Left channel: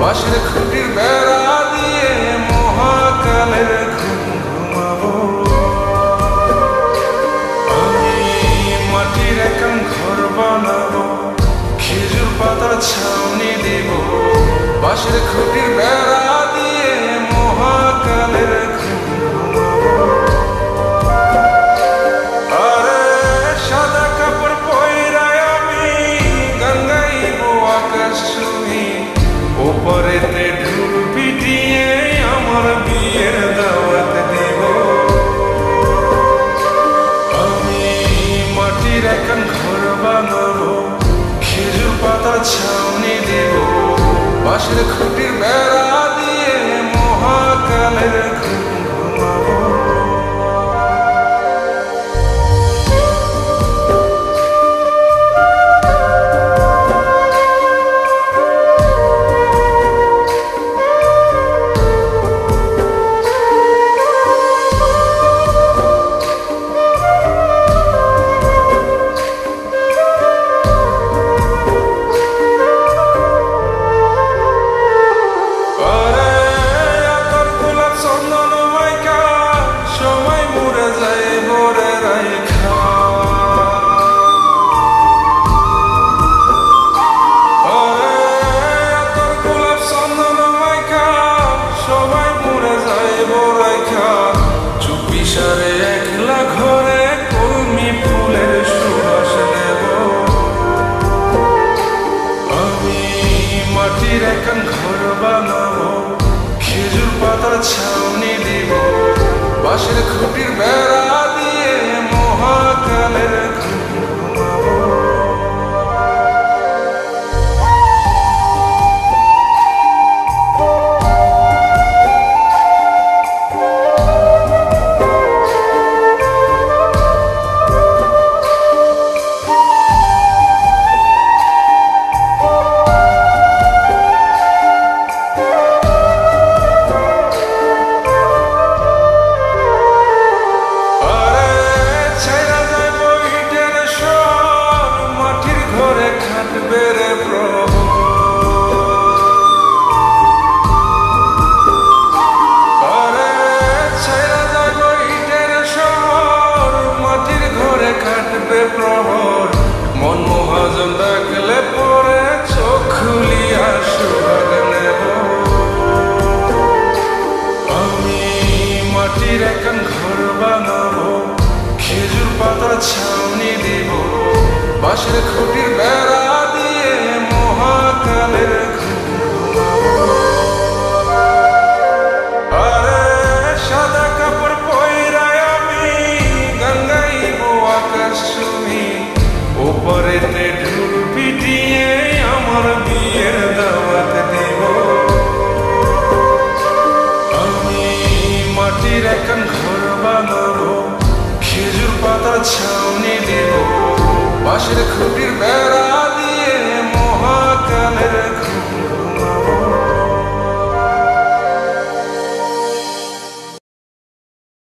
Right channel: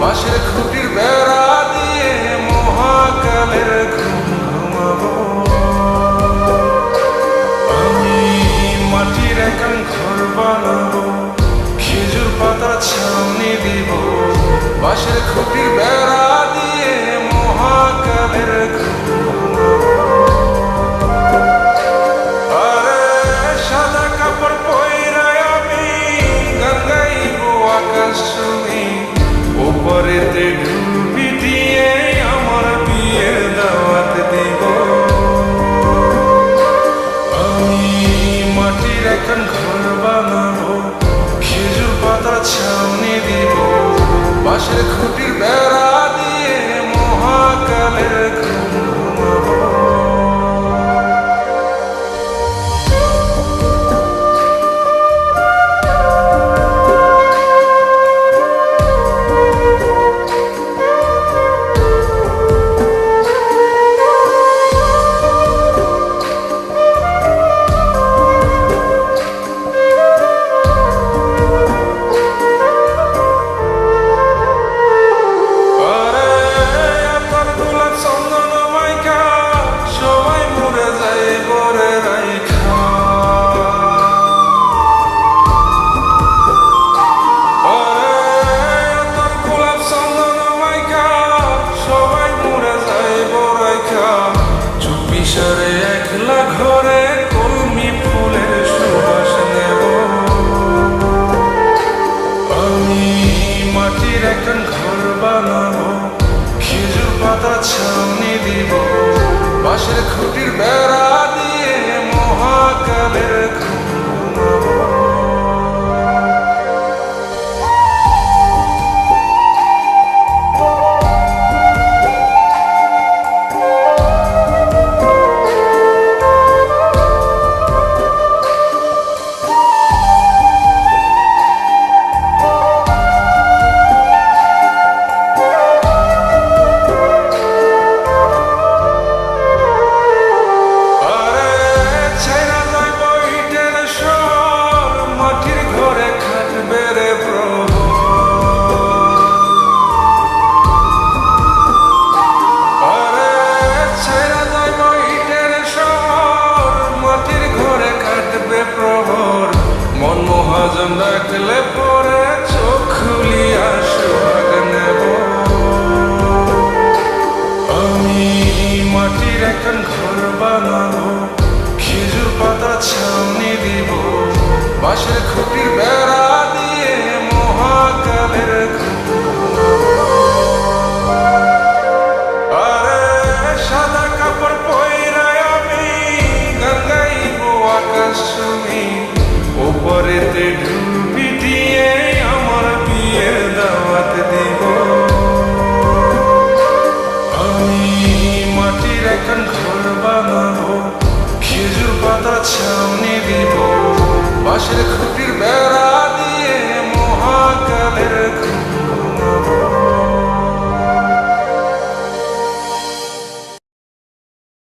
বাঁশের খুঁটির বেড়া দিয়ে মহাকালের ঘুম ঘুমাবো। আমি মাটির একান ঘর বানাবো, খেজুর পাতার ছাউনি দিব, বাঁশের খুঁটির বেড়া দিয়ে মহাকালের ঘুম ঘুমাবো। আরে সাদা কাপড় পয়রায় আমি গান গাইব আকাশ ছুঁই, ওপরেতে ঢোল পিটিয়ে আমার বিয়ের দাওয়াত দিব। আমি মাটির একান ঘর বানাবো, খেজুর পাতার ছাউনি দিব, বাঁশের খুঁটির বেড়া দিয়ে মহাকালের ঘুম ঘুমাবো। চন্দন মাইকা সবাই মরে যায় বরে রাইখা, তোর গোলাপ চন্দন মাইকা সবাই মরে যায় বরাইখা, চুপি সারে একলা ঘরে কলমি ফুলের সুবাস নেব। আমি মাটির একান ঘর বানাবো, খেজুর পাতার ছাউনি দিব, বাঁশের খুঁটির বেড়া দিয়ে মহাকালের ঘুম ঘুমাবো। মাটির ঘরে খাটবে রে প্রহর, আরে ছাইরা যাইব ইটের শহর, মাটির ঘরে খাটবে প্রহর, মন মহাজন ডাকলে পরে চোখ খুলিয়া সুহাগ নেব। আমি মাটির একান ঘর বানাবো, খেজুর পাতার ছাউনি দিব, বাঁশের খুঁটির বেড়া দিয়ে মহাকালের ঘুম ঘুমাবো। আরে সাদা কাপড় পয়রায় আমি গান গাইব আকাশ ছুঁই, ওপরেতে ঢোল পিটিয়ে আমার বিয়ের দাওয়াত দিব। আমি মাটির একান ঘর বানাবো, খেজুর পাতার ছাউনি দিব, বাঁশের খুঁটির বেড়া দিয়ে মহাকালের ঘুম